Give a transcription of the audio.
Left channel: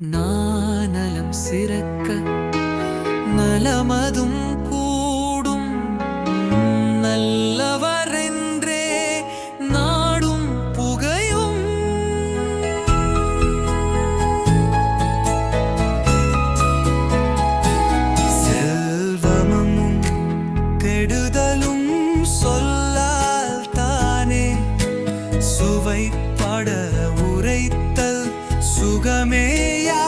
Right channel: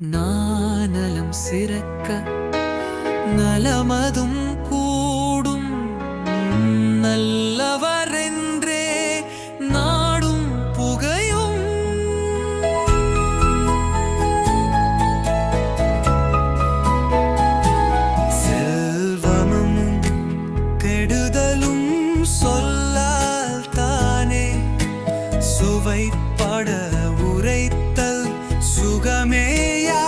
நானலம் சிறக்க நலமதும் கூடும். நல்லவரென்றே நாடும் புகையும். செல்வமும் கெடுதலும் சொல்லால் தானே சுவைப்பட உரைத்தல் சுகமேயா